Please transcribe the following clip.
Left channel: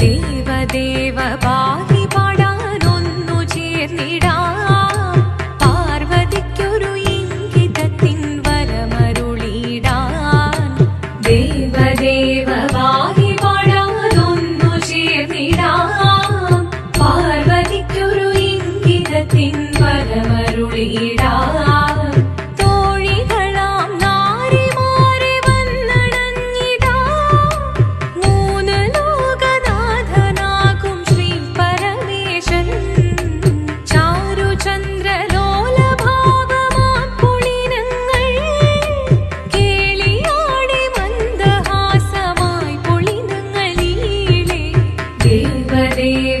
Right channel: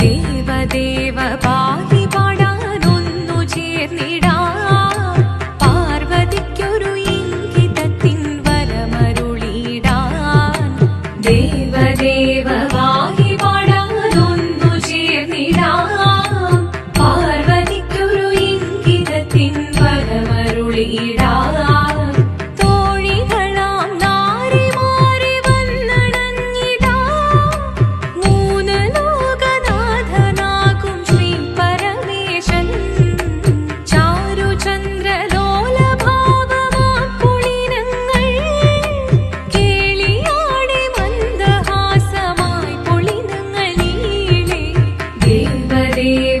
ദേവദേവ പാടി പാടാനൊന്നു ചേർന്നിടാം, പാർവതിക്കൊരു ഇംഗിതത്തിൻ വരമരുളിടാൻ. ദേവദേവ പാടി പാടാനൊന്നു ചേർന്നിടാം, പാർവതിക്കൊരു ഇംഗിതത്തിൻ വരമരുളിടാൻ. തോഴികളാം നാരിമാരെ വന്നണഞ്ഞിടാം, മൂന്ന് ലോകനാഥനാകും ശ്രീ പരമേശൻ. ചാരുചന്ദ്രലോലഭാവമാം പുളിനങ്ങൾ കേളിയാടി മന്ദഹാസമായി പുളിനങ്ങൾ നീളെ. ദേവദേവ